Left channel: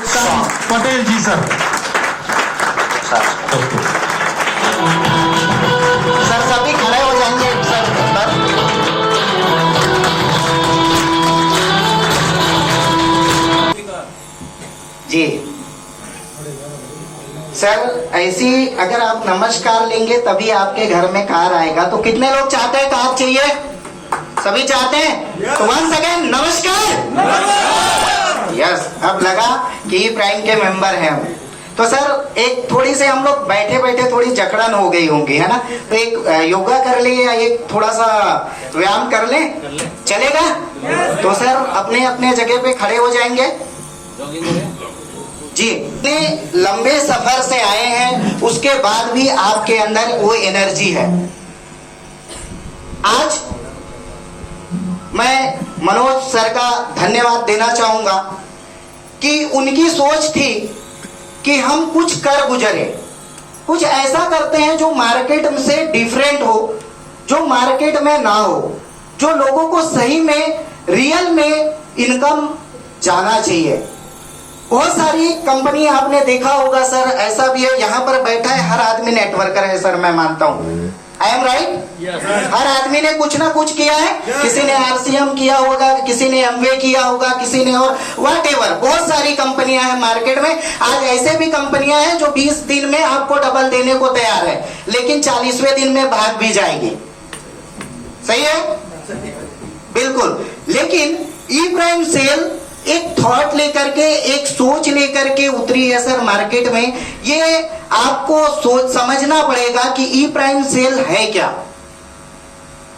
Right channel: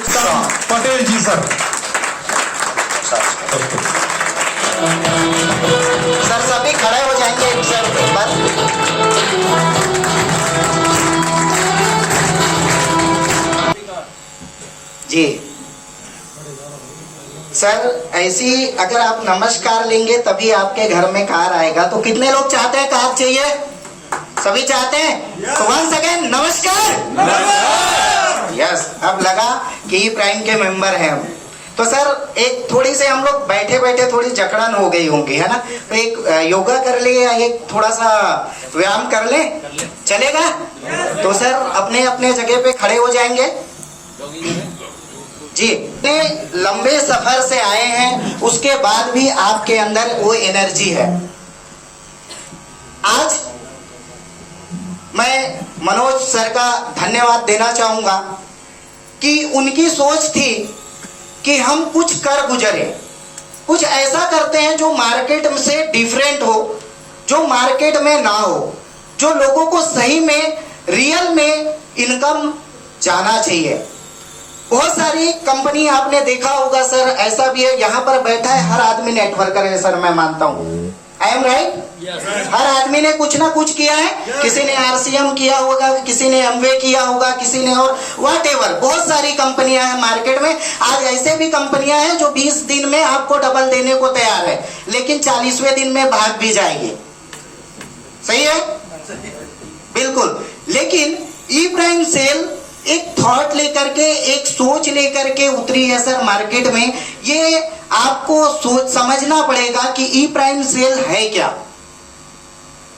उत्तम पटेल जी sir. Sir सभी खड़े हो जाएंगे सर जी। सर ऐसी अगर आप नमस्कार लेंगे तभी आपके घर में कार आएगा। तो कितने लोग चाहते हैं कार चाहिए? सभी चाहते हैं? तो वन सेकेंड नमस्कार। यस, अब लगा कि ई प्राइम के मेंबर हैं हम। तो सर एक थोड़ी से हम लोग बैठे बैठे थोड़ी जकड़न हो गई होंगी, है ना? तो एक योगा कर ले या एक थोड़ा सा व्यायाम कर ले, चलेगा? तो सर अपने अपने जगह पे खड़े हो जाएंगे जी। इतने लंबे सफर से आए हैं उसके बाद भी आपके अंदर वो एनर्जी है। आज मैं मनोज सर का धन्यवाद देना चाहूंगा कि उनकी सोच थी कि हम कुछ कर गुजरे, कुछ ऐसा करते हैं जो मार्केट से डिफरेंट हो, जो मार्केट में ना हो, जो लोगों को सही में रियल में इनकम जाना चाहिए। बहुत सारी कंपनी आपने देखा होगा सर, ऐसा भी है यहाँ पर बैठा है हर आदमी नेटवर्कर है सर, मैं मानता हूँ। I am right? हर आदमी ने कुछ ना कुछ किया है। किसी ने आरसीएम किया होगा, किसी ने एमवे किया होगा, किसी ने और व्हाटएवर। बहुत सारी कंपनियां हैं मार्केट में। आज ऐसे भी कंपनियां हैं जो 20 दिन में आपको डबल देने को तैयार है, लेकिन 40वें दिन में भाग भी जाएंगे। सही है? बिल्कुल। लेकिन ई प्राइम सेल एक थॉट लेकर के, एक सोच लेकर के उतरी है सर मार्केट में। ये आपको सोच समझना पड़ेगा कि ई प्राइम सेल है क्या।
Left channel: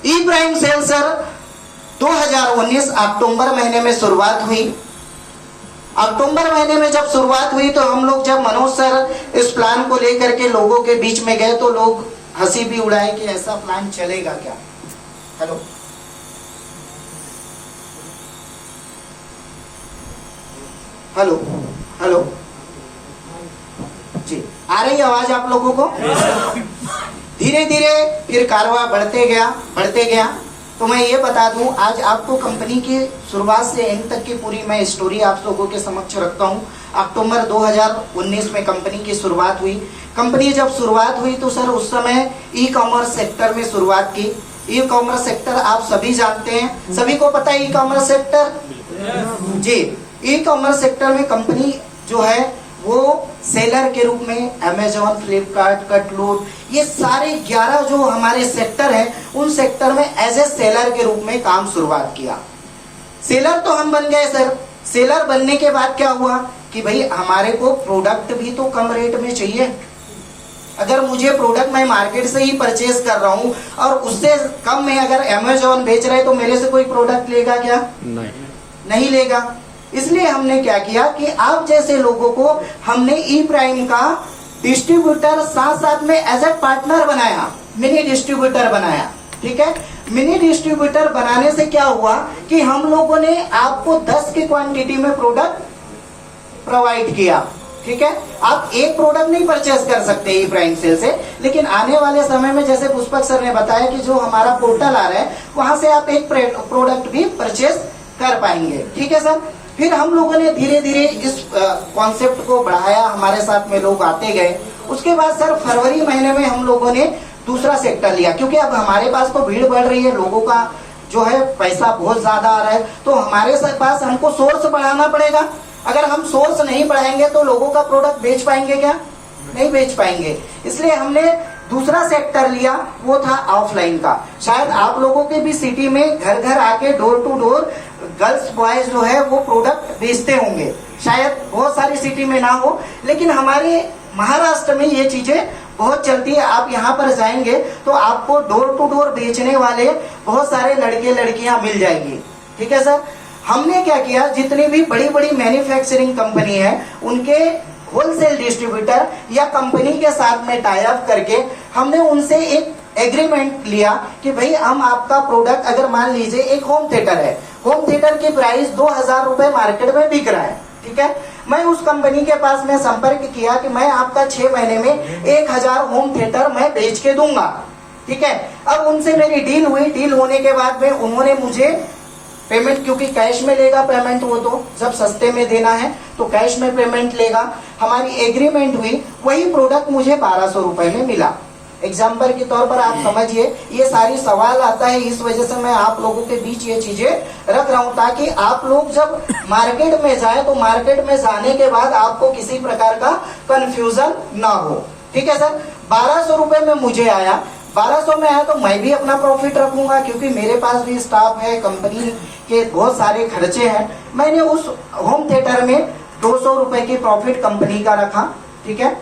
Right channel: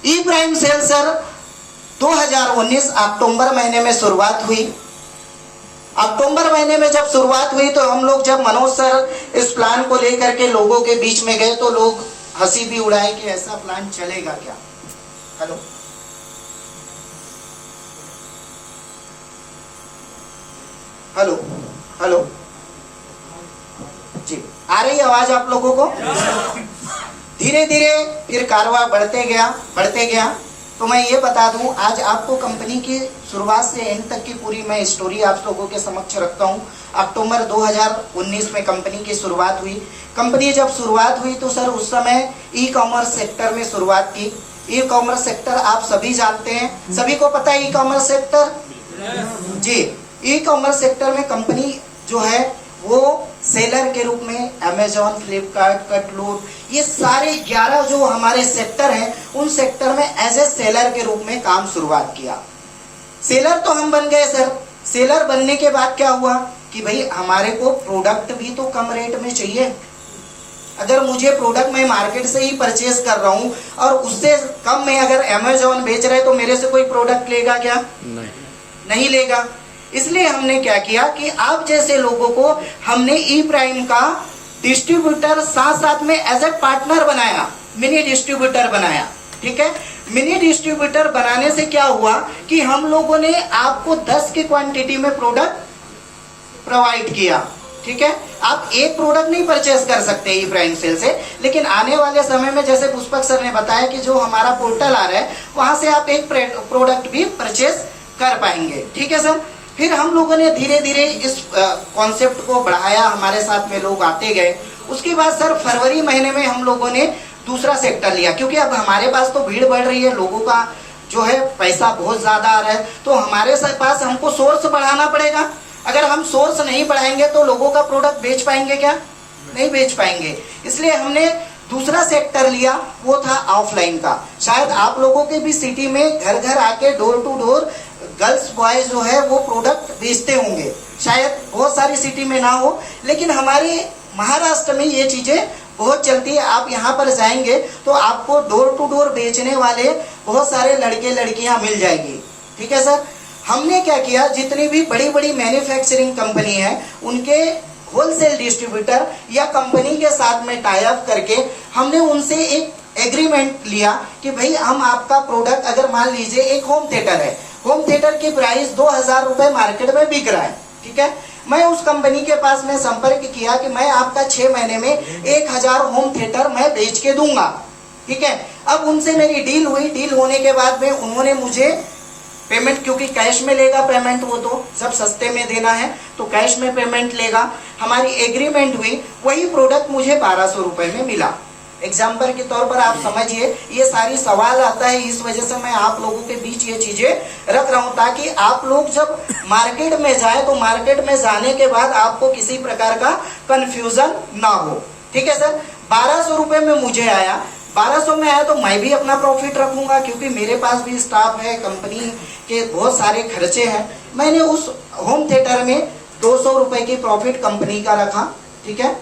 ई प्राइम सेल सर 2019 अक्टूबर महीने में शुरुआत हुई। अक्टूबर महीने में जब शुरुआत हुई तो हम लोग, जब मनोज सर इस प्लान को लेकर के लोगों के बीच में गए तो लोग हंसी भी उड़ाए कि ऐसा प्लान चलेगा क्या। हेलो, हेलो, हेलो जी, आ रही आवाज आप लोगों को? धीरे धीरे फिर कारवां बढ़ते गया। तो मैं ये बता दूं, आज आपको कंपनी की शुरुआत से एंड तक की पूरी मैं स्टोरी आप लोगों के समक्ष रखता हूं। अक्टूबर 2019 में कंपनी की शुरुआत हुई। कंपनी जब शुरुआत हुई तो सर उस समय ई कॉमर्स सेक्टर में शुरुआत की। ई कॉमर्स सेक्टर आप सभी जानते हैं, सभी को पता है ई कॉमर्स सेक्टर जी। ई कॉमर्स सेक्टर में कंपनी जो है वो सेलर के रूप में अमेजॉन, फ्लिपकार्ट, कटलूर, ये सारे 11 जो हमारे सेक्टर हैं उन सेक्टर में एज ए सेलर के रूप में काम शुरुआत किया। सेलर तो हम बन गए सर। सेलर बनने के बाद क्या हुआ कि भाई हमारे को प्रोडक्ट भी तो कम रेट में चाहिए। अगर मुझे प्रोडक्ट मैं मार्केट से ही परचेज कर रहा हूँ और उससे कम में अगर अमेजॉन बेच रहे तो मेरे से कोई प्रोडक्ट लेगा क्या? नहीं लेगा। इसलिए हमने क्या किया कि आप जैसे लोगों को हमने ई प्राइम का डिस्ट्रीब्यूटर साथ साथ में एज ए पार्टनर बनाया, मिनी डिस्ट्रीब्यूटर बनाया। ठीक है, मिनी डिस्ट्रीब्यूटर बनाने से क्या हुआ कि हम लोगों ने आपको 10 की क्वांटिटी में प्रोडक्ट प्रोवाइड किया। ठीक है, आप एक प्रोडक्ट नहीं परचेज कर सकते ई प्राइम सेल से, लेकिन आने वाले समय में जैसे पुष्पक सर ने बताया कि जो हमारा पोर्टल आ रहा है वहां से आप एक प्रोडक्ट भी परचेज कर पाएंगे। ठीक है सर। फिर हम लोगों ने धीरे धीरे इस कॉन्सेप्ट को बढ़ाया, हमारे साथ में लोग आते गए। उसके बाद सर फरवरी महीने में हम लोगों ने दूसरा सेक्टर लिया, क्योंकि अब हमारे पास तो भीड़ बढ़ रही है, लोगों का जो है पैसा बहुत ज्यादा आ रहा है, तो हमारे पास हमको सोर्स बढ़ाना पड़ेगा। अगर हम सोर्स नहीं बढ़ाएंगे तो लोगों का प्रोडक्ट बेच पाएंगे क्या? नहीं बेच पाएंगे। इसलिए हमने दूसरा सेक्टर लिया, वो था ऑफलाइन का। शायद आप लोगों के भी सिटी में घर घर आके door to door girls boys जो है वो प्रोडक्ट बेचते होंगे। शायद बहुत सारी सिटी में ना हो, लेकिन हमारे महाराष्ट्र में ये चीजें बहुत चलती है। आप यहाँ पर जाएंगे तो आपको डोर टू डोर बेचने वाले बहुत सारे लड़के लड़कियां मिल जाएंगी। ठीक है सर। हमने क्या किया, जितनी भी बड़ी बड़ी मैन्युफैक्चरिंग कंपनी है उनके होलसेल डिस्ट्रीब्यूटर या कंपनी के साथ में टाई अप करके हमने उनसे एक एग्रीमेंट लिया कि भाई हम आपका प्रोडक्ट, अगर मान लीजिए एक होम थिएटर है, होम थिएटर की प्राइस 2000 रुपए मार्केट में बिक रहा है। ठीक है, मैं उस कंपनी के पास में संपर्क किया कि मैं आपका 6 महीने में 1000 होम थिएटर मैं बेच के दूंगा। ठीक है, अब उनसे मेरी डील हुई। डील होने के बाद में उन्होंने मुझे पेमेंट क्योंकि कैश में लेगा पेमेंट, वो तो जब सस्ते में देना है तो कैश में पेमेंट लेगा। हमारी एग्रीमेंट हुई, वही प्रोडक्ट मुझे 1200 रुपए में मिला। एग्जाम्पल के तौर पर आप समझिए, ये सारी सवाल आता है, इस वजह से मैं आप लोगों के बीच ये चीजें रख रहा हूं ताकि आप लोग जब मार्केट में जाए तो मार्केट में जाने के बाद आपको किसी प्रकार का कंफ्यूजन ना हो। ठीक है सर, 1200 रुपए में मुझे आया, 1200 में आया तो मैं भी अपना प्रॉफिट रखूंगा क्योंकि मेरे पास भी स्टाफ है, कंपनी के बहुत सारे खर्चे हैं। मैंने उस होम थिएटर में 200 रुपए की प्रॉफिट कंपनी का रखा। ठीक है,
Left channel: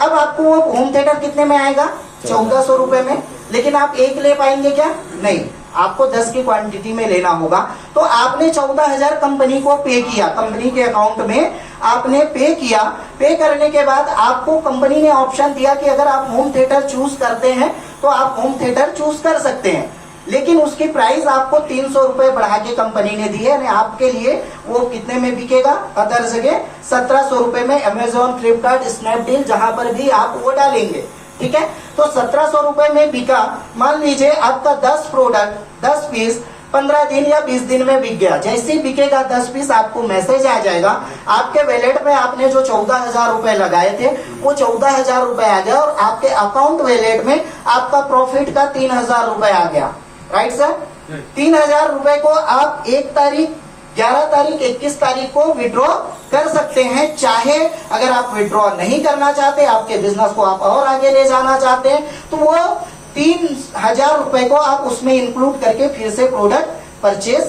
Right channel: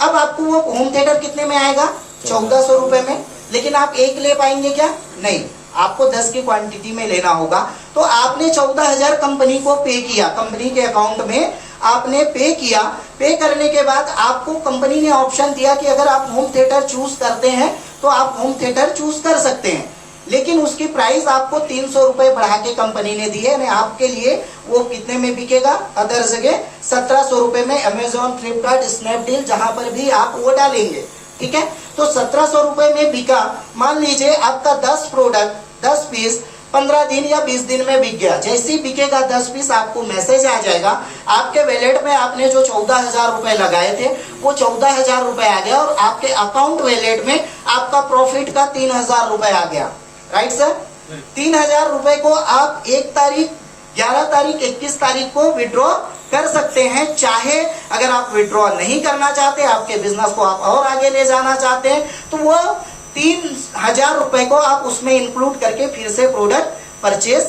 अब आपको वो होम थिएटर कितने में आएगा? 1400 रुपए में। लेकिन आप एक ले पाएंगे क्या? नहीं, आपको 10 की क्वांटिटी में लेना होगा। तो आपने 14,000 कंपनी को पे किया, कंपनी के अकाउंट में आपने पे किया। पे करने के बाद आपको कंपनी ने ऑप्शन दिया कि अगर आप होम थिएटर चूज करते हैं तो आप होम थिएटर चूज कर सकते हैं, लेकिन उसकी प्राइस आपको 300 रुपए बढ़ा के कंपनी ने दी है। यानी आपके लिए वो कितने में बिकेगा? अदर जगह 1700 रुपए में, अमेजोन, फ्लिपकार्ट, स्नैपडील, जहां पर भी आप वो डालेंगे। ठीक है, तो 1700 रुपए में बिका। मान लीजिए आपका 10 प्रोडक्ट 10 पीस 15 दिन या 20 दिन में बिक गया। जैसे ही बिकेगा 10 पीस आपको मैसेज आ जाएगा, आपके वैलेट में आपने जो 14,000 रुपए लगाए थे वो 14,000 रुपए आ गया और आपके अकाउंट वैलेट में आपका प्रॉफिट का 3,000 रुपए आ गया। राइट सर, 3,000 रुपए को आप 1 तारीख, 11 तारीख, 21 तारीख को विड्रॉ कर सकते हैं। चाहे अगर आप विड्रॉ नहीं करना चाहते, आपके बिजनेस को आप और आगे ले जाना चाहते हैं, तो वो 3,000 रुपए को आप उसमें इंक्लूड करके फिर से प्रोडक्ट परचेज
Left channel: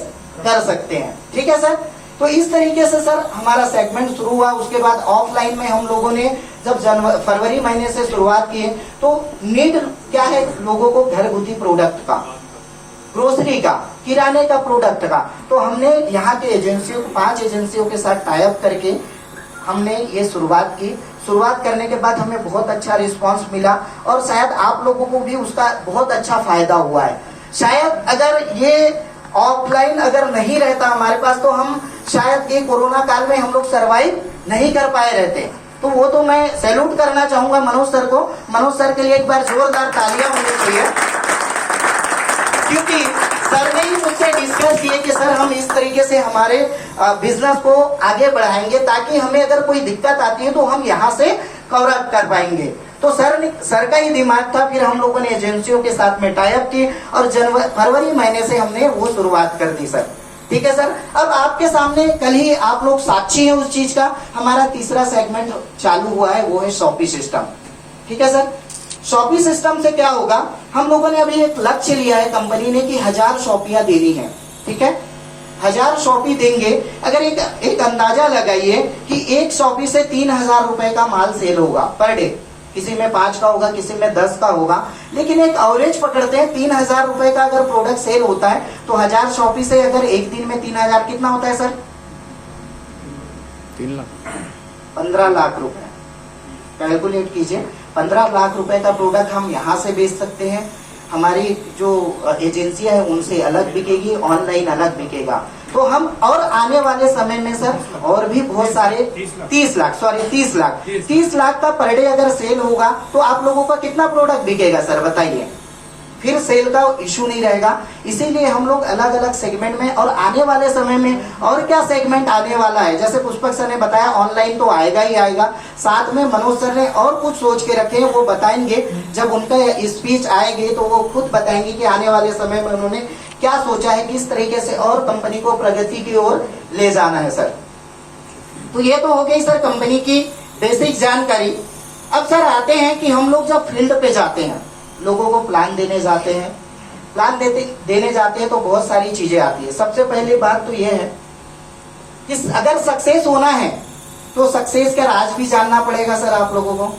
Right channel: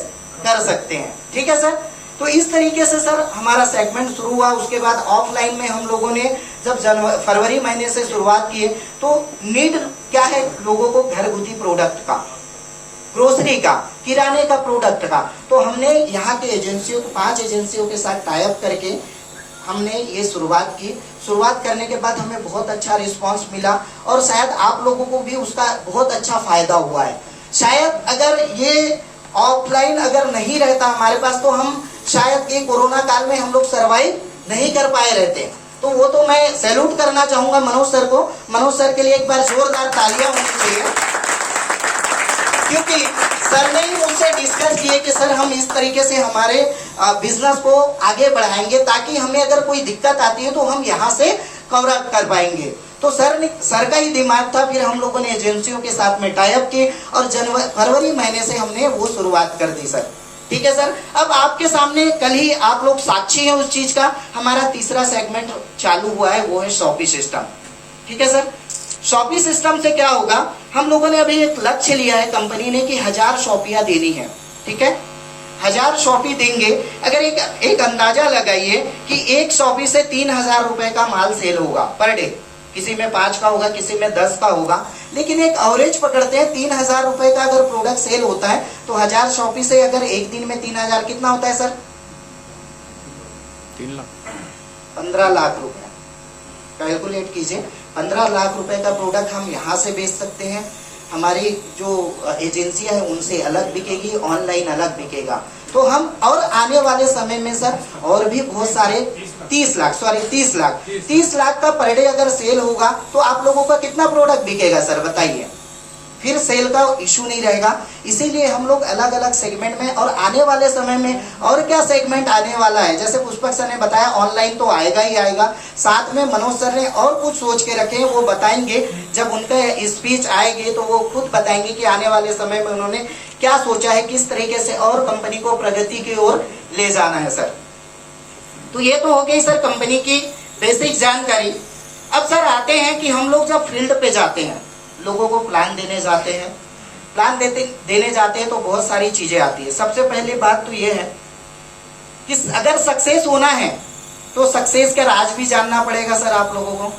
कर सकते हैं। ठीक है सर, तो इस तरीके से सर हमारा सेगमेंट शुरू हुआ। उसके बाद ऑफलाइन में हम लोगों ने जब फरवरी महीने से शुरुआत की तो नीड क्या है लोगों को? घरगुती प्रोडक्ट का, ग्रोसरी का, किराने का प्रोडक्ट का। तो हमने यहाँ के एजेंसियों, 5 एजेंसियों के साथ टाई अप करके हमने ये शुरुआत की। शुरुआत करने के बाद हमें बहुत अच्छा रिस्पांस मिला और शायद आप लोगों को भी उसका बहुत अच्छा फायदा हुआ है। शायद अगर ये ऑफलाइन अगर नहीं रहता हमारे पास तो हम शायद ये कोरोना काल में हम लोग सरवाइव नहीं कर पाए रहते। तो वो तो मैं सैल्यूट करना चाहूंगा मनोज सर को। मनोज सर के लिए एक बार जोरदार तालियां होनी चाहिए, क्योंकि सर ने ही मुझसे डिस्कस किए कि सर हम इस तरीके से हमारे बिजनेस को आगे बढ़ाएंगे ताकि हमें अगर कोई दिक्कत आती है तो हम यहाँ से कवर अप कर पाएंगे। तो सर का ही दिमाग था। फिर हम लोगों ने एजेंसियों के साथ में टाई अप की और फरवरी महीने से हमने वो शुरुआत कर दी सर। ठीक है सर, अब आपके सामने कल ही आप लोग साक्षी हैं उस चीज का। हमारा तीसरा सेगमेंट चालू हुआ है, वो है शॉपी सिस्टम। ठीक है सर, शॉपी सिस्टम से क्या होगा? हम लोगों ने अभी एक लक्ष्य लिया है कंपनी ने कि 1000 शॉपियां देनी है। ठीक है, 1000 शॉपी देंगे। अगर एक अंदाजा लगाइए कि एक शॉपी से 3,000 रुपए का माल सेल होगा पर डे। किसी में 5 का होगा, किसी में 10 का होगा, लेकिन एक एवरेज पकड़ते हैं। 3,000 रुपए का अगर प्रोडक्ट सेल होता है तो 1000 शॉपी से अगर एक दिन में 3,000 कितना होता है सर? 3 लाख, 15 लाख रुपए। कैलकुलेट कीजिए, 15 लाख रुपए का प्रोडक्ट हम यहाँ से बेच सकते हैं। हमारी जो एजेंसियां हैं उनसे अलग बिकेगी, ऑनलाइन अलग बिकेगा। तो हम और आने वाले समय में सर और भी बहुत सारे 30 लाख का पर डे अगर सेल होगा तो आप लोगों का कितना प्रोडक्ट बिकेगा सर बताइए? फिर सेल का इशू नहीं रहेगा। इसीलिए हम लोग अलग अलग सेगमेंट में, और आने वाले समय में और क्या सेगमेंट आने वाला है, जैसे पुष्पक सर ने बताया ऑनलाइन तो आएगा ही आएगा। साथ में मनोज सर ने और कुछ सोच के रखे हैं, वो बताएंगे। जब उनका स्पीच आएंगे तो वो खुद बताएंगे कि आने वाले समय में उन्होंने क्या सोचा है, किस तरीके से और कंपनी को प्रगति की ओर ले जाना है सर। तो ये तो हो गई सर कंपनी की बेसिक जानकारी। अब सर आते हैं कि हम लोग जब फील्ड पे जाते हैं, लोगों को प्लान देने जाते हैं, देने जाते हैं तो बहुत सारी चीजें आती है। सबसे पहली बात तो ये है कि अगर सक्सेस होना है तो सक्सेस का राज भी जानना पड़ेगा सर आप लोगों को।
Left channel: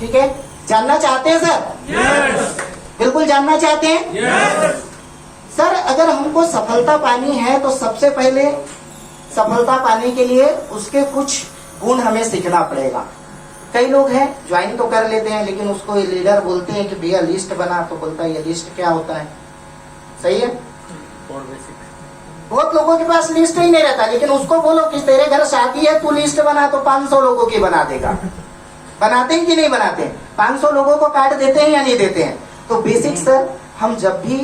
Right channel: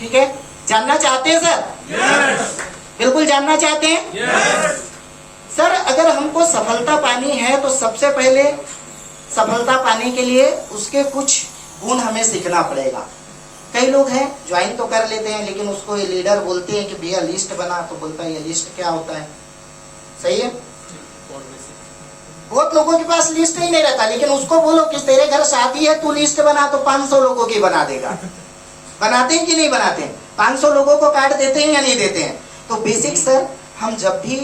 ठीक है, जानना चाहते हैं सर? यस। बिल्कुल जानना चाहते हैं? यस। सर अगर हमको सफलता पानी है तो सबसे पहले सफलता पाने के लिए उसके कुछ गुण हमें सीखना पड़ेगा। कई लोग हैं ज्वाइन तो कर लेते हैं, लेकिन उसको लीडर बोलते हैं कि भैया लिस्ट बना, तो बोलता है ये लिस्ट क्या होता है? सही है, बहुत लोगों के पास लिस्ट ही नहीं रहता, लेकिन उसको बोलो कि तेरे घर शादी है तू लिस्ट बना, तो 500 लोगों की बना देगा। बनाते हैं कि नहीं बनाते हैं? 500 लोगों को कार्ड देते हैं या नहीं देते हैं? तो बेसिक सर हम जब भी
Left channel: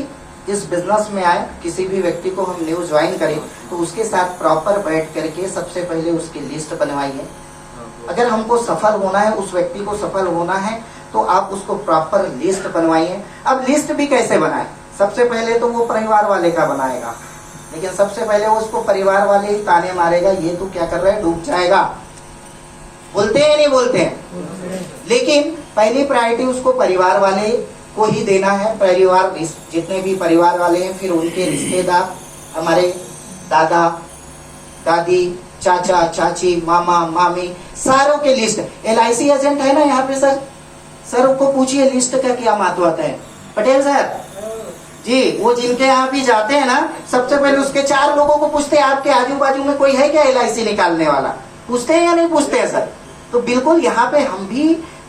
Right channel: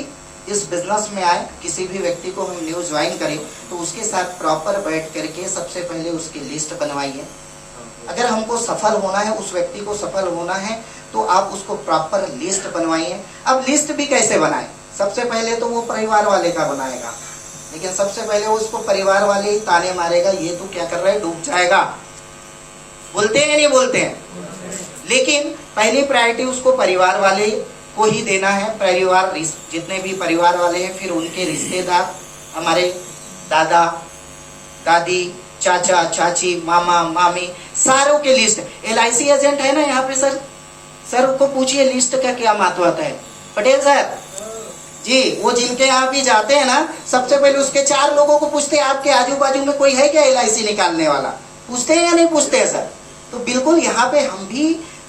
इस बिजनेस में आए, किसी भी व्यक्ति को हम न्यू ज्वाइन करें तो उसके साथ प्रॉपर बैठ करके सबसे पहले उसकी लिस्ट बनवाइए। अगर हमको सफल होना है, उस व्यक्ति को सफल होना है, तो आप उसको प्रॉपर लिस्ट बनवाइए। अब लिस्ट भी कैसे बनाए? सबसे पहले तो वो परिवार वाले का बनाएगा, लेकिन सबसे पहले वो उसको परिवार वाले ही ताने मारेगा, ये तो क्या कर रहा है, डूब जाएगा। बोलते हैं नहीं बोलते हैं? लेकिन पहली प्रायोरिटी उसको परिवार वाले को ही देना है। परिवार, जितने भी परिवार वाले हैं, फिर उनके रिश्तेदार, हमारे दादा दादी, चाचा चाची, मामा मामी, सारों के लिस्ट। LIC एजेंट है ना यहाँ पे सर, सर को पूछिए लिस्ट का क्या महत्व है। पटेल सर जी, वो जिनके यहाँ भी जाते हैं ना, सबसे पहले उसके 4 लोगों को पूछते हैं, आपके आजू बाजू में कोई है क्या LIC निकालने वाला? पूछते हैं या नहीं पूछते हैं सर? तो बिल्कुल यहाँ पे हम भी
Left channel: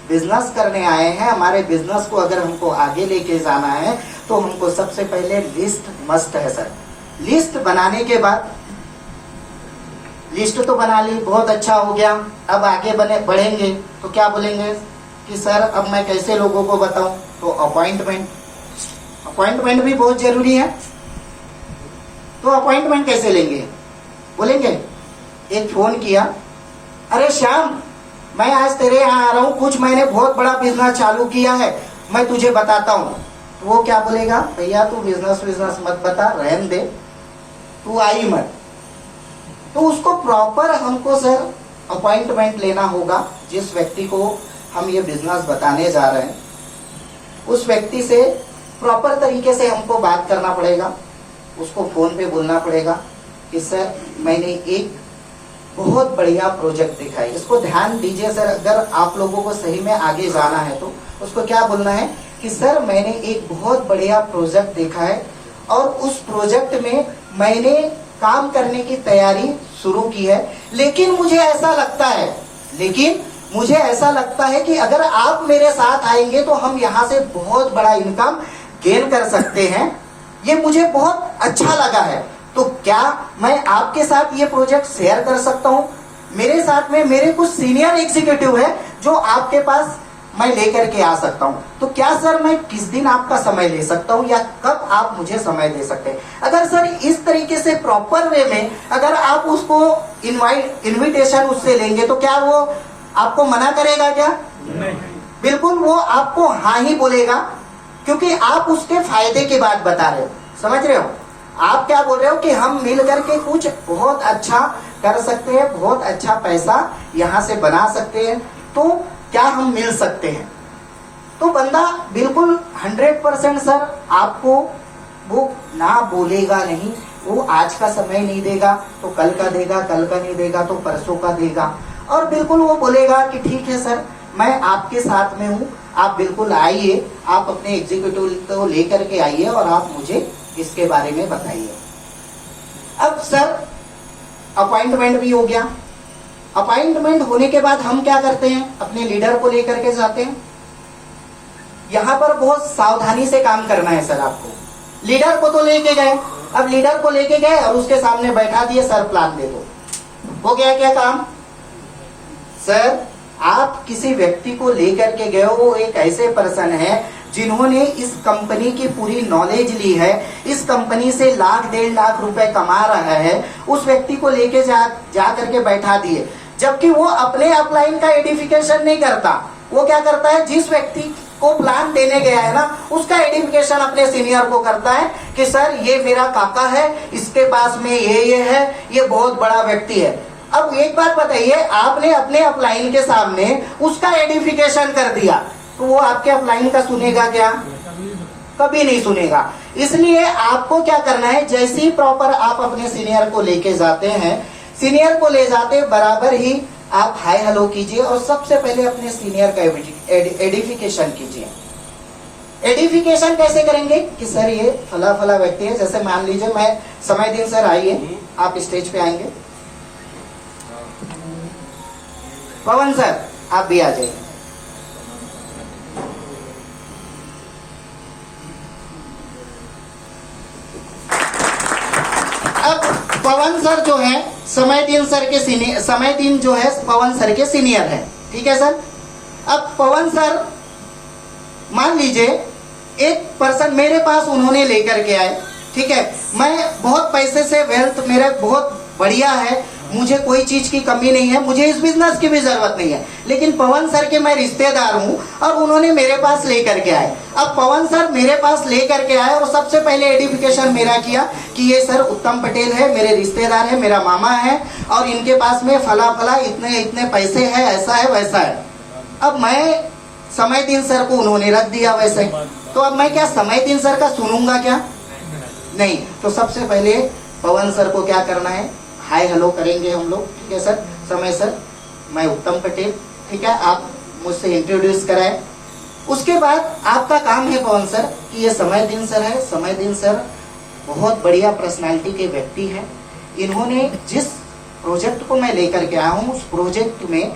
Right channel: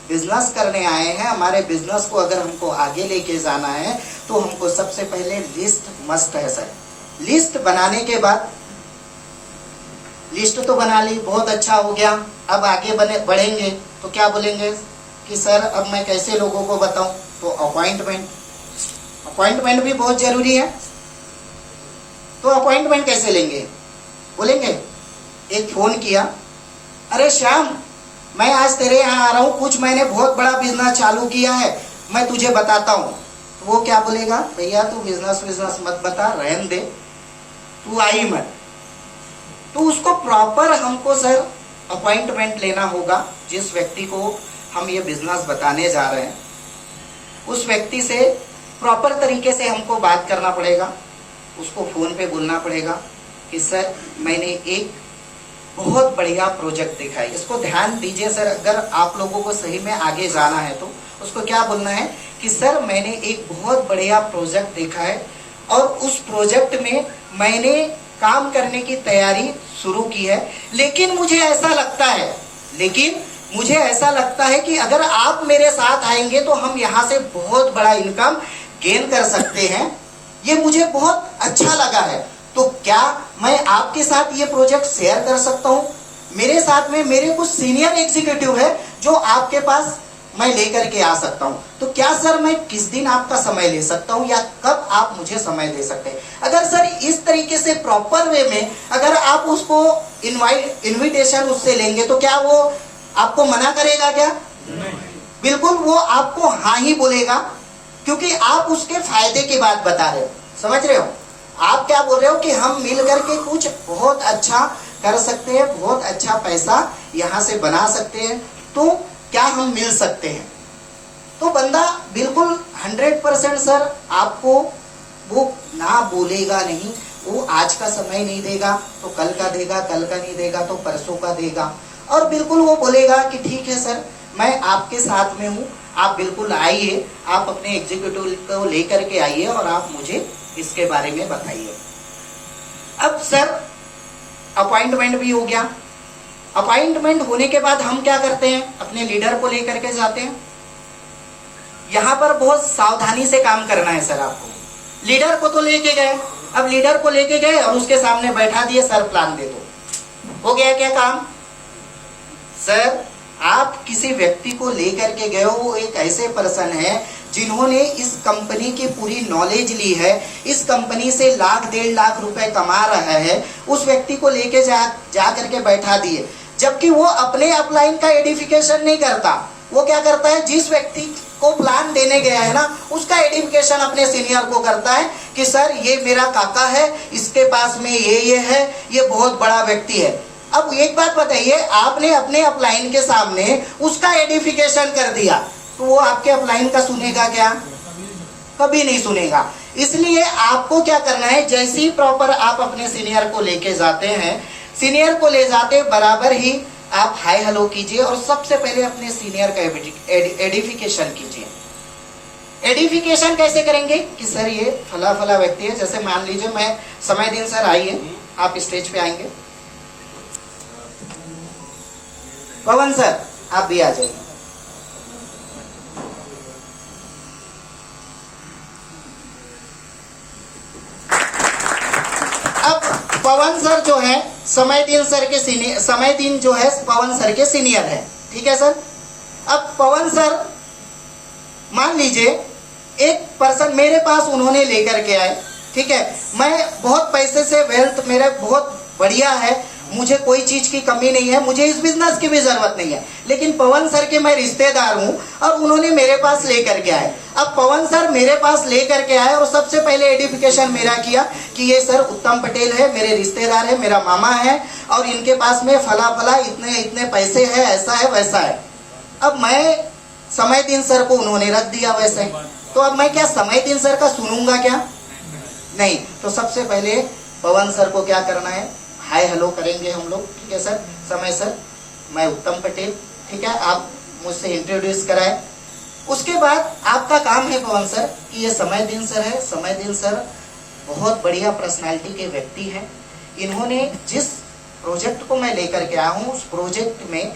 बिजनेस करने आए हैं। हमारे बिजनेस को अगर हमको आगे लेके जाना है तो हमको सबसे पहले लिस्ट मस्त है सर। लिस्ट बनाने के बाद, लिस्ट तो बना ली, बहुत अच्छा हो गया, अब आगे बढ़ेंगे तो क्या बोलेंगे कि सर अब मैं कैसे लोगों को बताऊं? तो अपॉइंटमेंट भी बहुत जरूरी है। तो अपॉइंटमेंट कैसे लेंगे? बोलेंगे एक फोन किया, अरे श्याम मैं आज तेरे यहाँ आ रहा हूँ, कुछ मैंने बहुत बड़ा बिजनेस चालू किया है, मैं तुझे बताता हूँ। तो वो क्या बोलेगा, भैया तू बिजनेस मत बता, रहन दे, तू आई मत। तो उसको प्रॉपर हमको सर अपॉइंटमेंट लेना होगा। जिस व्यक्ति को हम ये बिजनेस बताने जा रहे हैं, उस व्यक्ति से प्रॉपर तरीके से हमको बात करना पड़ेगा। उसको फोन पे बोलना पड़ेगा कि सर मैंने एक बहुत बढ़िया प्रोजेक्ट देखा है। इसको ध्यान दीजिए सर, अगर आप लोगों को सही में आगे जाना है तो उसको क्या बोलना है कि सर मैंने एक बहुत बढ़िया प्रोजेक्ट देखा है और उस प्रोजेक्ट में मैंने काम करने की तैयारी शुरू की है, लेकिन मुझे ऐसा लगता है कि अगर आप मेरे साथ आएंगे तो हम यहाँ से बहुत बड़ा इनकम गेन कर सकते हैं। ये मुझे बहुत अच्छा लगा है, तो क्या मैं आपके साथ ये प्रोजेक्ट शेयर कर सकता हूँ? मेरे साथ में मेरे कुछ सीनियर एग्जीक्यूटिव है जो आपके पास मैं लेकर के आ सकता हूँ। तो क्या सर मैं किस दिन आपका समय ले सकता हूँ या कब आप मुझे समय दे सकते हैं? अगर सर इस तरीके से प्रॉपर वे में अगर आप उसको इनविटेशन उससे लेंगे तो क्या वो आपको मना करेगा क्या? नहीं। बिल्कुल वो आपको हाँ ही बोलेगा, क्योंकि आप उसके फायदे की बात बता रहे हो। समझ रहे हो? आप क्या बोल रहे हो कि हम मिल करके कुछ बहुत अच्छा कर सकते हैं, बहुत अच्छा पैसा यहाँ से बना सकते हैं, तो क्या हम मिल सकते हैं? तो बंदा बिल्कुल 100% सर आपको वो ना बोलेगा नहीं। वो आज का समय नहीं देगा तो कल का देगा, कल का नहीं देगा तो परसों का देगा, और बिल्कुल वो बोलेगा कि ठीक है सर मैं आपके साथ में हूँ, आप बिल्कुल आइए, आप अपने एग्जीक्यूटिव को लेकर के आइए और आप मुझे इसके बारे में बताइए। अब सर अपॉइंटमेंट भी हो गया। अपॉइंटमेंट होने के बाद हम क्या करते हैं, अपने लीडर को लेकर के जाते हैं। यहाँ पर बहुत सावधानी से काम करना है सर आपको। लीडर को तो लेके गए, अब लीडर को लेके गए और उसके सामने बैठा दिए, सर प्लान दे दो। हो गया क्या काम? सर आप किसी व्यक्ति को लेकर के गए हो, वो एक ऐसे पर्सन है जिन्होंने इस कंपनी की पूरी नॉलेज ली है, इस कंपनी से लाख 1.5 लाख रुपए कमा रहा है, उस व्यक्ति को लेके जा करके बैठा दिए, जबकि वो अपने अपलाइन का एडिफिकेशन नहीं करता। वो क्या करता है, जिस व्यक्ति को प्लान देने गया है ना, उसका एडिफिकेशन अपने सीनियर को करता है कि सर ये मेरा काका है, इसके पास में ये है, ये बहुत बड़ा व्यक्ति है। अब एक बात बताइए, आपने अपने अपलाइन के सामने उसका एडिफिकेशन कर दिया तो वो आपके अपलाइन का सुनेगा क्या? कभी नहीं सुनेगा। इसलिए आपको क्या करना है, जैसे ही प्रॉपर आप अपने सीनियर को लेके जाते हैं, सीनियर को ले जाते बराबर ही आप हाय हेलो कीजिए और सबसे पहले अपने सीनियर का एडिफिकेशन कीजिए। एडिफिकेशन कैसे करेंगे कि सर ये फला फला व्यक्ति है, जैसे मान लीजिए मैं समय दिन सर आइए, आप स्टेज पे आएंगे। पवन सर आप भी आ जाइए। अब पवन सर जो है समय दिन जो है पवन सर के सीनियर है, ठीक है सर। अब पवन सर मान लीजिए एक पर्सन मेरे पास उन्होंने लेकर के आए, ठीक है, मैं बहुत पैसे से वेल्थ मेरा बहुत बढ़िया है, मुझे कोई चीज की कमी नहीं है, मुझे इस बिजनेस की भी जरूरत नहीं है, लेकिन पवन सर के मैं रिश्तेदार हूं और उन्होंने मेरे पास लेकर के आए। अब पवन सर मेरे पास लेकर के आए और सबसे पहले एडिफिकेशन मेरा किया कि ये सर उत्तम पटेल है, मेरे रिश्तेदार है, मेरा मामा है और इनके पास में फला फला इतने इतने पैसे है, ऐसा है वैसा है। अब मैं समय दिन सर को उन्होंने रख दिया वैसे, तो अब मैं क्या समय दिन सर का सुनूंगा क्या? नहीं। तो सबसे पहले पवन सर को क्या करना है, हाय हेलो करेंगे हम लोग, ठीक है सर, समय सर मैं उत्तम पटेल, ठीक है, आप मुझसे इंट्रोड्यूस कराएं। उसके बाद आपका काम है पवन सर कि ये समय दिन सर है, समय दिन सर बहुत बढ़िया पर्सनालिटी के व्यक्ति हैं, इन्होंने जिस प्रोजेक्ट को मैं लेकर के आया हूँ उस प्रोजेक्ट में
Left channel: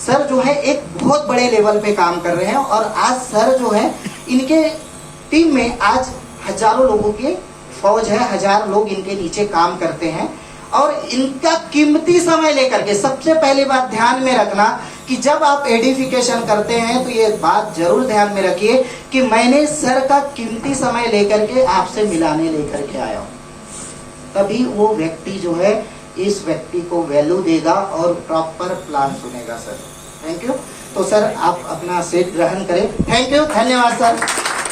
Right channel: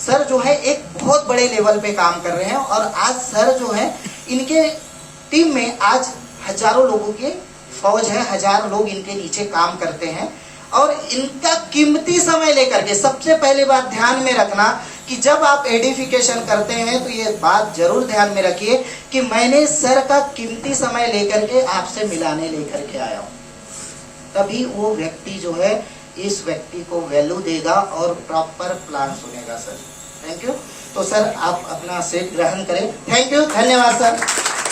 सर जो है एक बहुत बड़े लेवल पे काम कर रहे हैं और आज सर जो है इनके टीम में आज हजारों लोगों की फौज है, 1000 लोग इनके नीचे काम करते हैं और इनका कीमती समय लेकर के, सबसे पहले बात ध्यान में रखना कि जब आप एडिफिकेशन करते हैं तो ये बात जरूर ध्यान में रखिए कि मैंने सर का कीमती समय लेकर के आपसे मिलाने लेकर के आया हूं, तभी वो व्यक्ति जो है इस व्यक्ति को वैल्यू देगा और प्रॉपर प्लान सुनेगा सर। Thank you. तो सर आप अपना सीट ग्रहण करें। थैंक यू, धन्यवाद सर।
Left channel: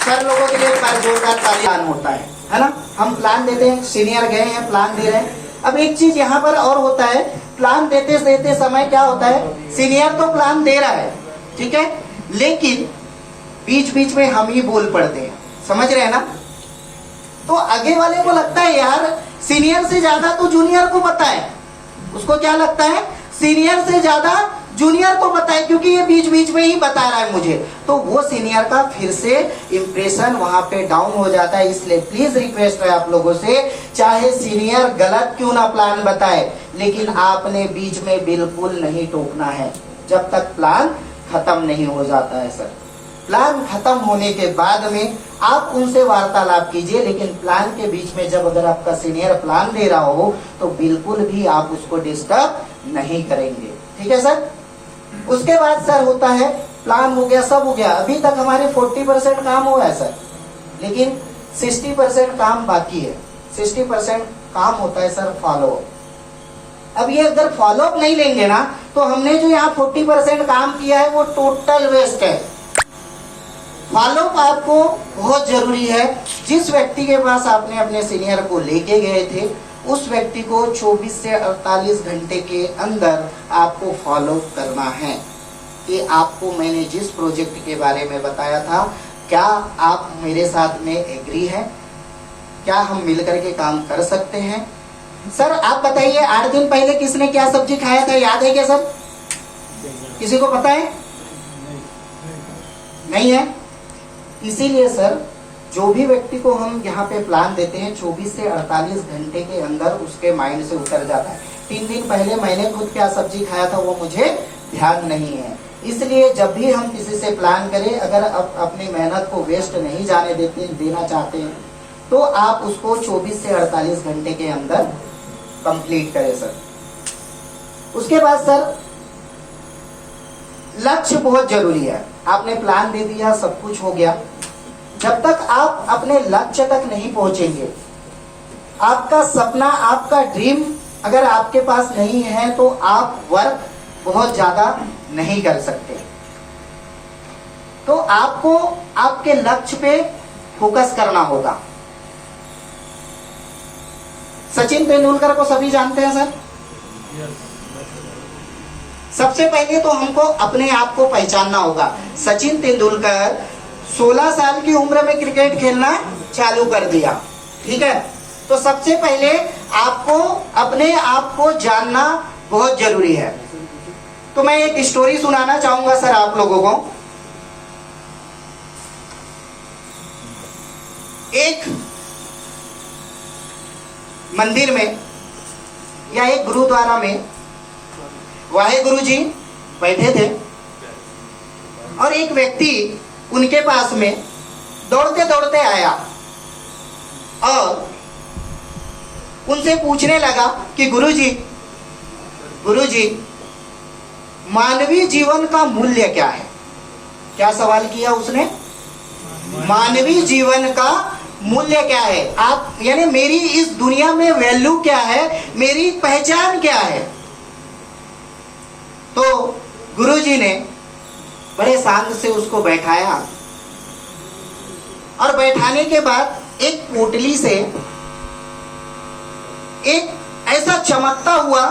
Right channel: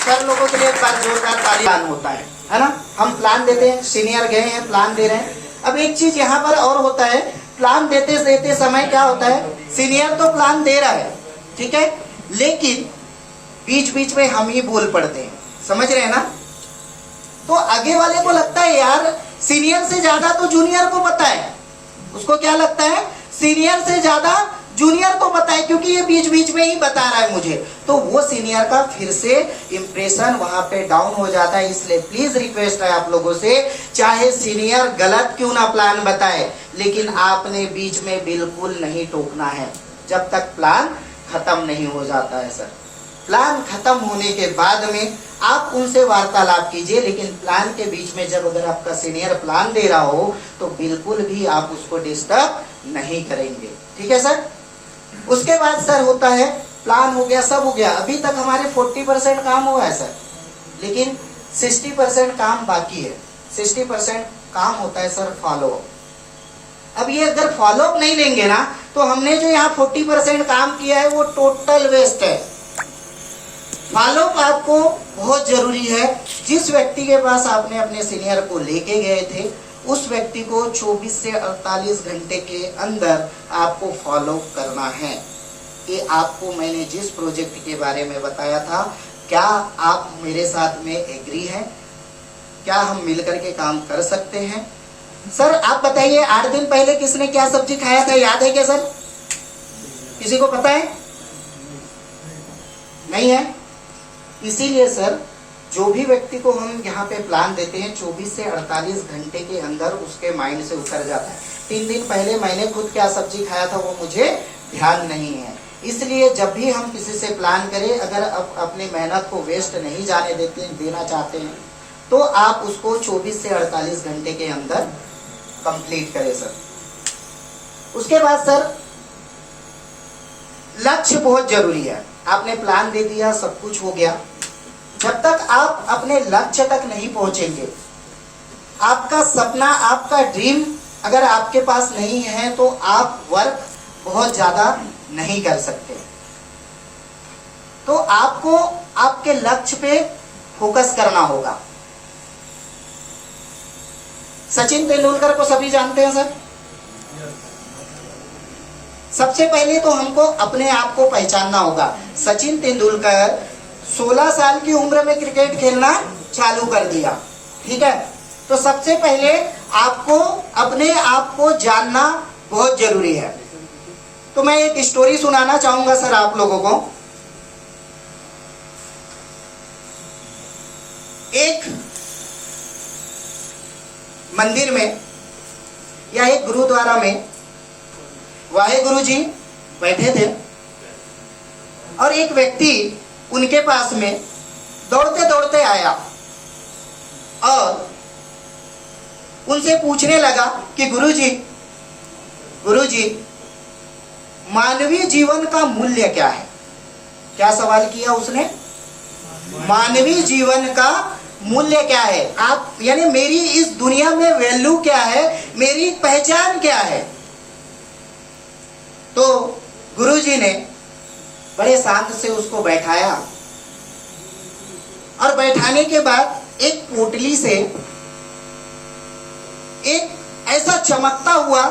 सर लोगों के लिए एक बार जोरदार ताली होता है ना, हम प्लान देते हैं, सीनियर गए हैं प्लान दे रहे हैं। अब एक चीज यहाँ पर और होता है, प्लान देते समय क्या होता है, सीनियर तो प्लान दे रहा है, ठीक है, लेकिन बीच बीच में हम ही बोल पड़ते हैं, समझ रहे हैं ना? तो आगे वाले को लगता है यार सीनियर से ज्यादा तो जूनियर को पता है, उसको क्या लगता है सीनियर से ज्यादा जूनियर को पता है क्योंकि ये बीच बीच में ही बता रहा है मुझे, तो वो सीनियर का फिर से इंप्रेशन वहां पे डाउन हो जाता है। इसलिए प्लीज रिक्वेस्ट है आप लोगों से, चाहे सीनियर गलत क्यों ना प्लान बताए, लेकिन आपने बीच में बिल्कुल नहीं टोकना है जब तक प्लान खत्म नहीं हो जाता है सर। प्लान खत्म होने के बाद में आप उनसे वार्तालाप कीजिए, लेकिन प्लान के बीच में जब अगर आपका सीनियर प्लान दे रहा हो तो बिल्कुल भी आप उसको डिस्टर्ब नहीं करेंगे, ठीक है सर। उसके बाद सर होता है प्लान हो गया, सब हो गया, अभी तक हमारे 40% काम हुआ है सर, लेकिन 60% काम बाकी है। 60% काम होता है सर फॉलो अप। अब ये अगर फॉलो अप नहीं लेंगे ना तो हमने जो यहाँ 40% काम किया है वो टोटल वेस्ट है। फॉलो अप आपको बहुत जरूरी है। जिस व्यक्ति के पास आपने अपने सीनियर को लेके गए थे उस व्यक्ति को 24 से 48 घंटे के अंदर आपको फॉलो करना है कि आपको मैंने जिस प्रोजेक्ट के बारे में बताया था क्या आप मेरे साथ में एग्री हैं, क्या हम मिलकर के काम कर सकते हैं। सर आप बताइए 8 दिन पहले किसने क्या सब्जी खाया था, याद है क्या सर? किसी को पता है? नहीं है। इसीलिए सर जो भी व्यक्ति को हम यहाँ पे प्लान देते हैं 24 से 48 घंटे के अंदर उसके माइंड से उतर जाता है। 3 दिन पहले मैंने खुद क्या सब्जी खाया था वो मुझे ध्यान नहीं है। इसलिए जब भी हम किसी से प्लान करें, अगर अपनी मेहनत को वेस्ट नहीं जाने देना चाहते हैं तो आप उसको 24 से 48 घंटे के अंदर कंप्लीट करें सर। उसके बाद सर लक्ष्य बहुत जरूरी है। आपने प्लान दे दिया, सब कुछ हो गया, जब तक आप अपने लक्ष्य तक नहीं पहुंचेंगे, आपका सपना, आपका ड्रीम अगर आपके पास नहीं है तो आप वर्क बहुत ज्यादा नहीं कर सकते। तो आपको आपके लक्ष्य पे फोकस करना होगा। सचिन तेंदुलकर को सभी जानते हैं सर। सबसे पहले तो हमको अपने आप को पहचानना होगा। सचिन तेंदुलकर 16 साल की उम्र में क्रिकेट खेलना चालू कर दिया, ठीक है। तो सबसे पहले आपको अपने आप को जानना बहुत जरूरी है। तो मैं एक स्टोरी सुनाना चाहूंगा सर आप लोगों को। एक मंदिर में या एक गुरुद्वारा में वाहेगुरु जी बैठे थे और एक व्यक्ति उनके पास में दौड़ते दौड़ते आया और उनसे पूछने लगा कि गुरुजी मानवीय जीवन का मूल्य क्या है। क्या सवाल किया उसने? मानवीय जीवन का मूल्य क्या है, आप यानी मेरी इस दुनिया में वैल्यू क्या है, मेरी पहचान क्या है। तो गुरुजी ने बड़े शांत से उसको बैठाया और बैठाने के बाद एक पोटली से एक ऐसा चमकता हुआ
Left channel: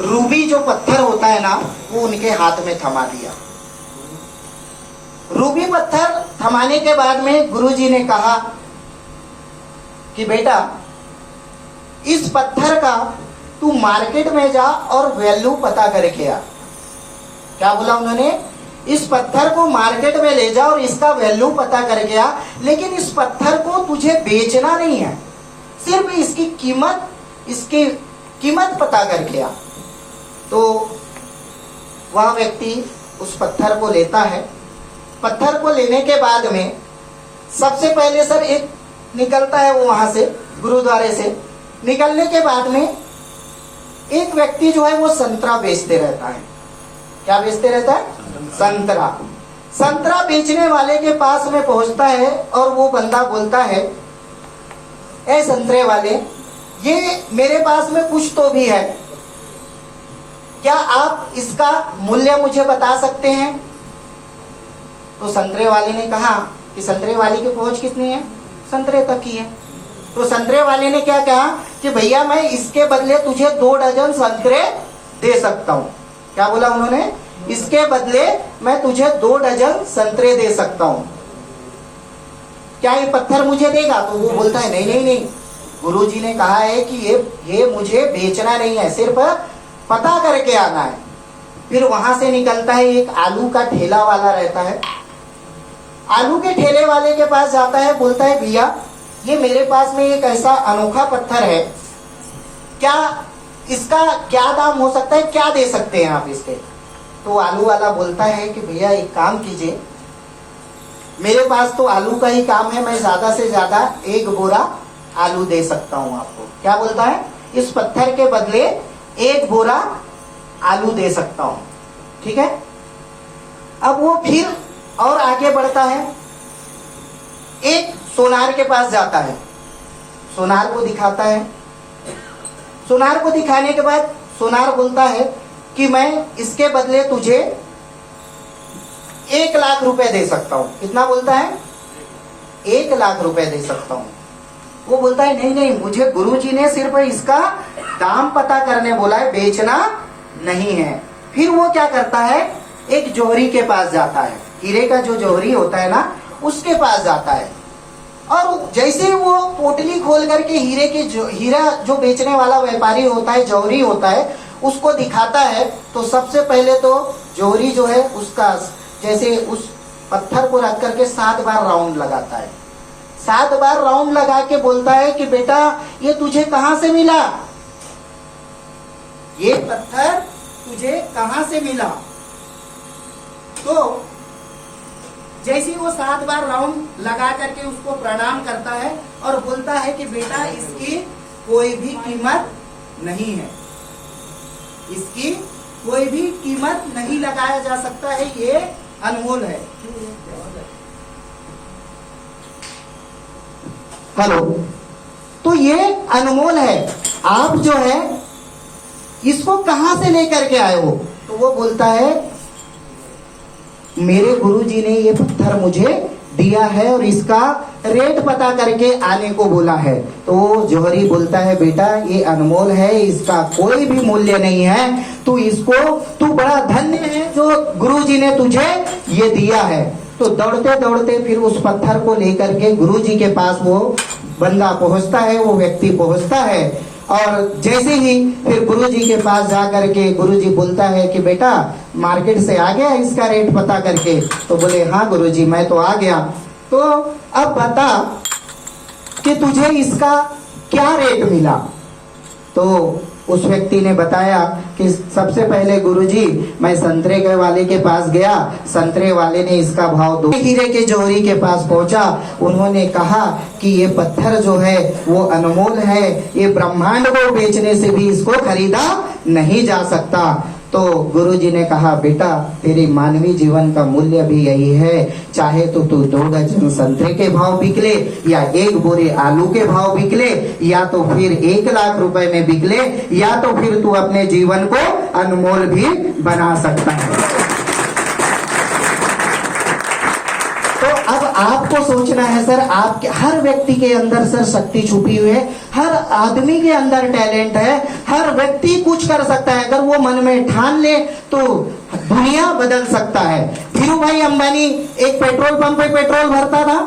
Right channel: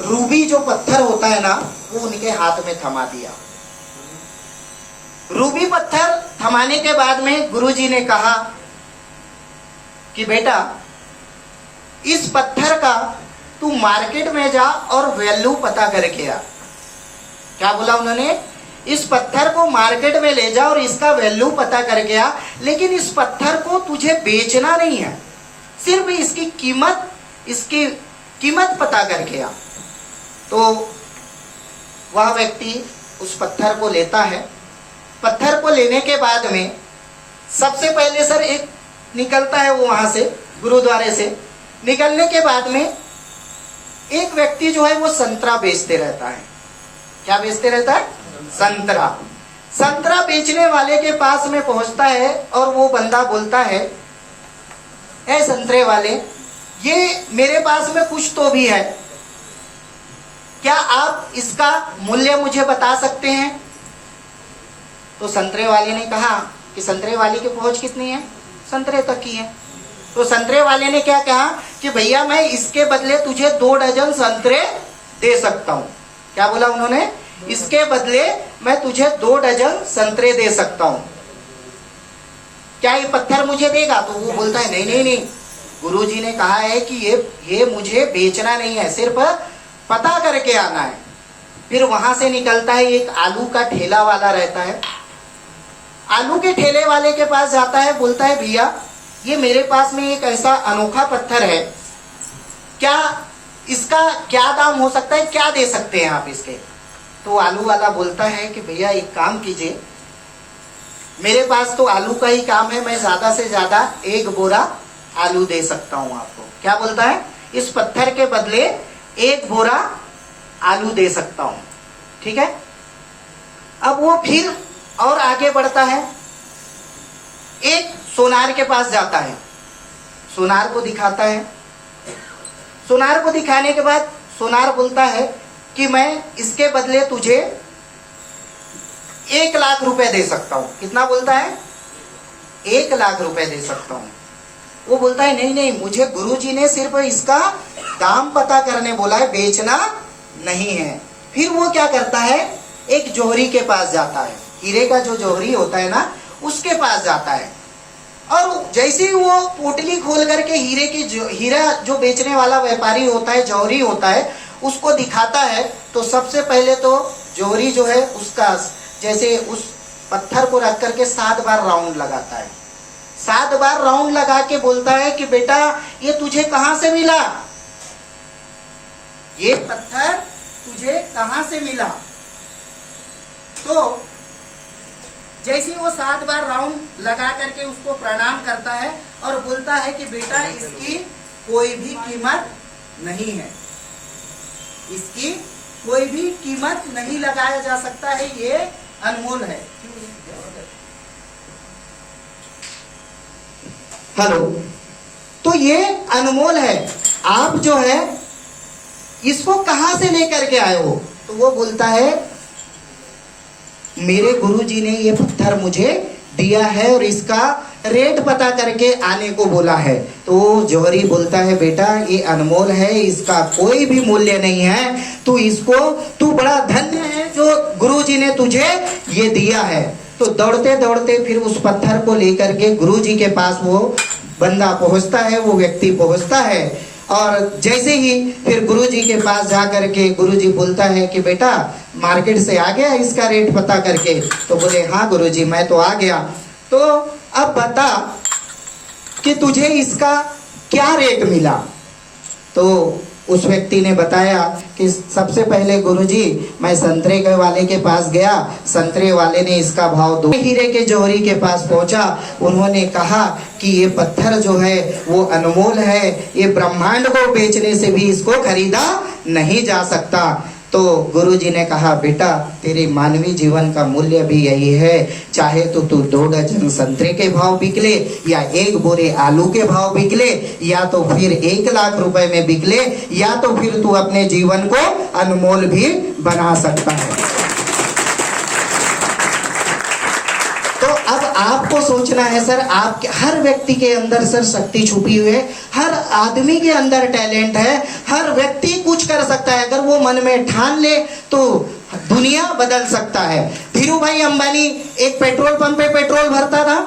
रूबी जो पत्थर होता है ना, वो उनके हाथ में थमा दिया। रूबी पत्थर थमाने के बाद में गुरुजी ने कहा कि बेटा, इस पत्थर का तू मार्केट में जा और वैल्यू पता करके आ। क्या बोला उन्होंने? इस पत्थर को मार्केट में ले जा और इसका वैल्यू पता करके आ, लेकिन इस पत्थर को तुझे बेचना नहीं है, सिर्फ इसकी कीमत पता करके आ। तो वह व्यक्ति उस पत्थर को लेता है। पत्थर को लेने के बाद में सबसे पहले सर एक निकलता है, वो वहां से गुरुद्वारे से निकलने के बाद में एक व्यक्ति जो है वो संतरा बेचते रहता है। क्या बेचते रहता है? संतरा। संतरा बेचने वाले के पास में पहुंचता है और वो बंदा बोलता है, ए संतरे वाले, ये मेरे पास में कुछ तो भी है, क्या आप इसका मूल्य मुझे बता सकते हैं? तो संतरे वाले ने कहा कि संतरे वाले की पहुंच कितनी है? संतरे तक की है। तो संतरे वाले ने क्या कहा कि भैया मैं इसके बदले तुझे 2 डजन संतरे दे सकता हूं। क्या बोला उन्होंने? इसके बदले मैं तुझे 2 डजन संतरे दे सकता हूं, क्या ये पत्थर मुझे देगा? तो वो बोलता है नहीं नहीं नहीं, गुरुजी ने कहा है कि ये मुझे बेचना नहीं है, सिर्फ पता करके आना है। फिर वहां से निकलता है, एक आलू का ठेला वाला रहता है। आलू के ठेले वाले के पास जाता है, बोलता है भैया ये मेरे पास में एक ऐसा अनोखा पत्थर है, क्या इसका क्या दाम हो सकता है, क्या दे सकते हैं आप इसके? तो आलू वाला बोलता है कि भैया एक काम कीजिए, मेरे पास तो आलू का ही काम है, मैं ज्यादा से ज्यादा 1 बोरा आलू दे सकता हूं आपको। क्या बोलता है? इस पत्थर के बदले 1 बोरा आलू दे सकता हूं, ठीक है। अब वो फिर और आगे बढ़ता है, एक सोनार के पास जाता है, सोनार को दिखाता है। सोनार को दिखाने के बाद सोनार बोलता है कि मैं इसके बदले तुझे 1 लाख रुपए दे सकता हूं। कितना बोलता है? 1 लाख रुपए दे सकता हूं। वो बोलता है नहीं नहीं, मुझे गुरुजी ने सिर्फ इसका दाम पता करने बोला है, बेचना नहीं है। फिर वो क्या करता है, एक जौहरी के पास जाता है, हीरे का जो जौहरी होता है ना, उसके पास जाता है। और जैसे ही वो पोटली खोल करके हीरा जो बेचने वाला व्यापारी होता है, जौहरी होता है, उसको दिखाता है, तो सबसे पहले तो जौहरी जो है उसका जैसे उस पत्थर को रख करके 7 बार राउंड लगाता है। 7 बार राउंड लगा के बोलता है कि बेटा ये तुझे कहां से मिला, ये पत्थर तुझे कहां से मिला? तो जैसे वो 7 बार राउंड लगा करके उसको प्रणाम करता है और बोलता है कि बेटा इसकी कोई भी कीमत नहीं है, इसकी कोई भी कीमत नहीं लगाया जा सकता है, ये अनमोल है। हेलो, तो ये अनमोल है, आप जो है इसको कहां से लेकर के आए हो? तो वो बोलता है मेरे गुरुजी ने ये पत्थर मुझे दिया है और इसका रेट पता करके आने को बोला है। तो जौहरी बोलता है बेटा ये अनमोल है, इसका कोई भी मूल्य नहीं है, तू बड़ा धन्य है जो गुरुजी ने तुझे ये दिया है। तो दौड़ते दौड़ते फिर उस पत्थर को लेकर के गुरुजी के पास वो बंदा पहुंचता है, वो व्यक्ति पहुंचता है। और जैसे ही फिर गुरुजी के पास जा करके गुरुजी बोलता है कि बेटा मार्केट से आ गया इसका रेट पता करके? तो बोले हाँ गुरुजी मैं तो आ गया। तो अब बता कि तुझे इसका क्या रेट मिला? तो उस व्यक्ति ने बताया कि सबसे पहले गुरुजी मैं संतरे के वाले के पास गया, संतरे वाले ने इसका भाव दो। हीरे के जौहरी के पास पहुंचा, उन्होंने कहा कि ये पत्थर जो है वो अनमोल है, ये ब्रह्मांड को बेचने से भी इसको खरीदा नहीं जा सकता। तो गुरुजी ने कहा, बेटा तेरे मानवीय जीवन का मूल्य भी यही है, चाहे तो तू 2 डजन संतरे के भाव बिक ले, या 1 बोरे आलू के भाव बिक ले, या तो फिर 1 लाख रुपए में बिक ले, या तो फिर तू अपने जीवन को अनमोल भी बना सकता है। तो अब आपको सोचना है सर, आपके हर व्यक्ति के अंदर सर शक्ति छुपी हुई है, हर आदमी के अंदर टैलेंट है, हर व्यक्ति कुछ कर सकता है। अगर वो मन में ठान ले तो दुनिया बदल सकता है। धीरू भाई अंबानी एक पेट्रोल पंप पे पेट्रोल भरता था,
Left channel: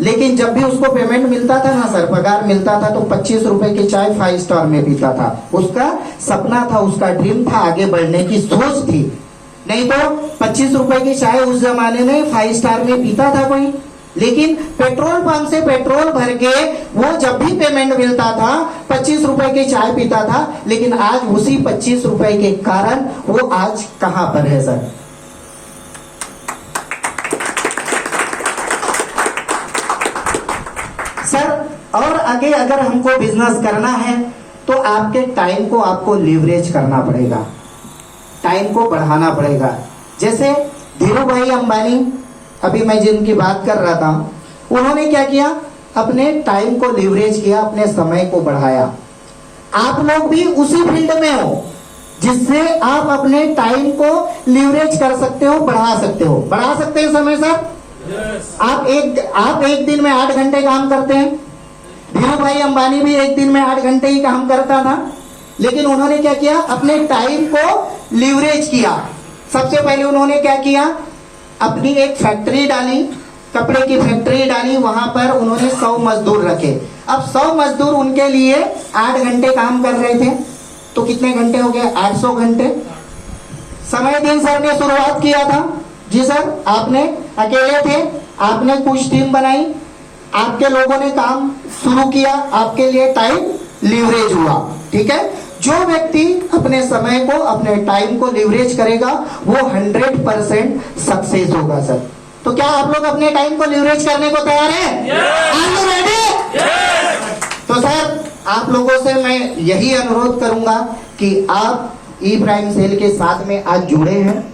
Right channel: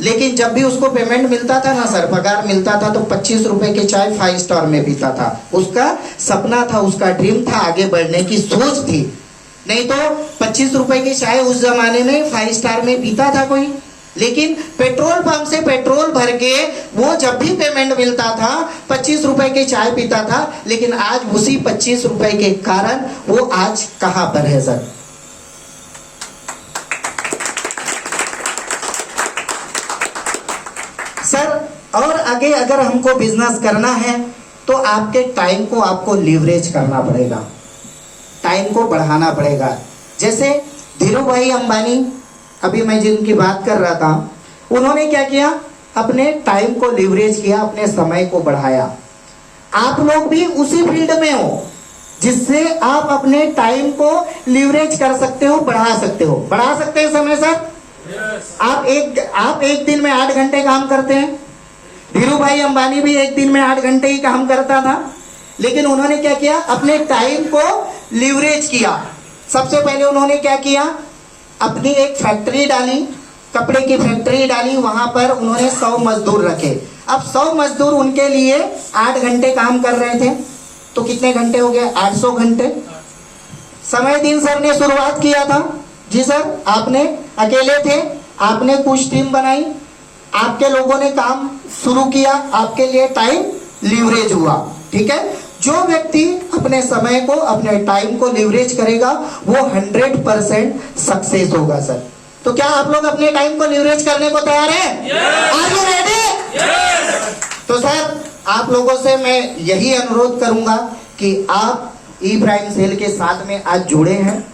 लेकिन जब भी उसको पेमेंट मिलता था ना सर, पगार मिलता था, तो 25 रुपए की चाय 5 स्टार में पीता था। उसका सपना था, उसका ड्रीम था, आगे बढ़ने की सोच थी। नहीं तो 25 रुपए की चाय उस जमाने में 5 स्टार में पीता था कोई? लेकिन पेट्रोल पंप से पेट्रोल भर के वो जब भी पेमेंट मिलता था 25 रुपए की चाय पीता था। लेकिन आज उसी 25 रुपए के कारण वो आज कहां पर है सर? सर और आगे अगर हमको बिजनेस करना है तो आपके टाइम को आपको लीवरेज करना पड़ेगा, टाइम को बढ़ाना पड़ेगा। जैसे धीरू भाई अंबानी, अभी मैं जिनकी बात कर रहा था, उन्होंने क्या किया? अपने टाइम को लीवरेज किया, अपने समय को बढ़ाया। आप लोग भी उसी फील्ड में हो जिससे आप अपने टाइम को लीवरेज कर सकते हो, बढ़ा सकते हो। बढ़ा सकते हैं समय सर? आप एक दिन में 8 घंटे काम करते हैं। धीरू भाई अंबानी भी एक दिन में 8 घंटे ही काम करता था, लेकिन उन्होंने क्या किया? अपने टाइम को लीवरेज किया। सबसे पहले उन्होंने क्या किया? अपनी एक फैक्ट्री डाली, कपड़े की फैक्ट्री डाली, वहां पर उन्होंने 100 मजदूर रखे। अब 100 मजदूर उनके लिए 8 घंटे काम कर रहे थे, तो कितने घंटे हो गए? 800 घंटे। समयदीन सर ने शुरुआत किया था। जी सर, आपने अकेले थे, आपने कुछ टीम बनाई, आपके लोगों ने काम शुरू किया, आपके लिए टाइम लीवरेज हुआ। ठीक है, जो व्यक्ति अपने समय को, अपने टाइम को लीवरेज करेगा वो 100% सक्सेस होगा सर। तो क्या आप लोग अपने टाइम को लीवरेज करने को तैयार हैं? Are you ready? तो सर आप लोगों से मैं यही अनुरोध करूंगा कि आप ई प्राइम सेल के साथ में आज जुड़े हैं।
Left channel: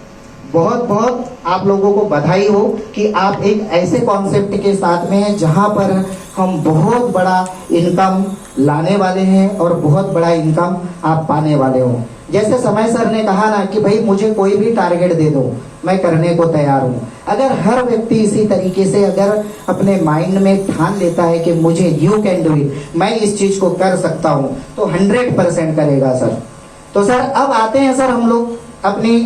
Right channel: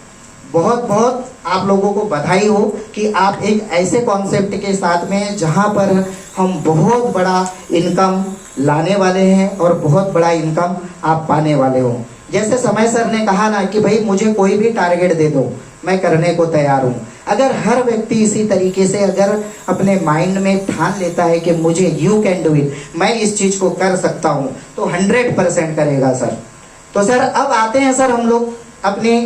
बहुत बहुत आप लोगों को बधाई हो कि आप एक ऐसे कॉन्सेप्ट के साथ में हैं जहां पर हम बहुत बड़ा इनकम लाने वाले हैं और बहुत बड़ा इनकम आप पाने वाले हो। जैसे समय सर ने कहा ना कि भाई मुझे कोई भी टारगेट दे दो, मैं करने को तैयार हूं। अगर हर व्यक्ति इसी तरीके से अगर अपने माइंड में ठान लेता है कि मुझे यू कैन डू इट, मैं इस चीज को कर सकता हूं, तो 100% करेगा सर। तो सर अब आते हैं सर हम लोग अपनी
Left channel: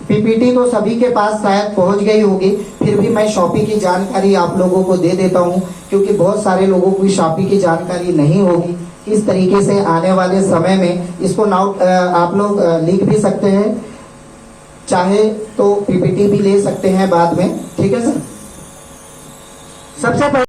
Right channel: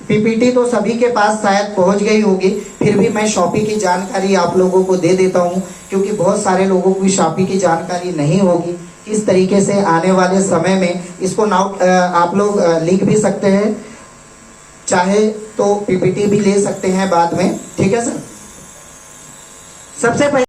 पीपीटी तो सभी के पास शायद पहुंच गई होगी, फिर भी मैं शॉपी की जानकारी आप लोगों को दे देता हूं, क्योंकि बहुत सारे लोगों को शॉपी की जानकारी नहीं होगी। इस तरीके से आने वाले समय में इसको नोट आप लोग लिख भी सकते हैं, चाहे तो पीपीटी भी ले सकते हैं बाद में। ठीक है सर। सबसे पहले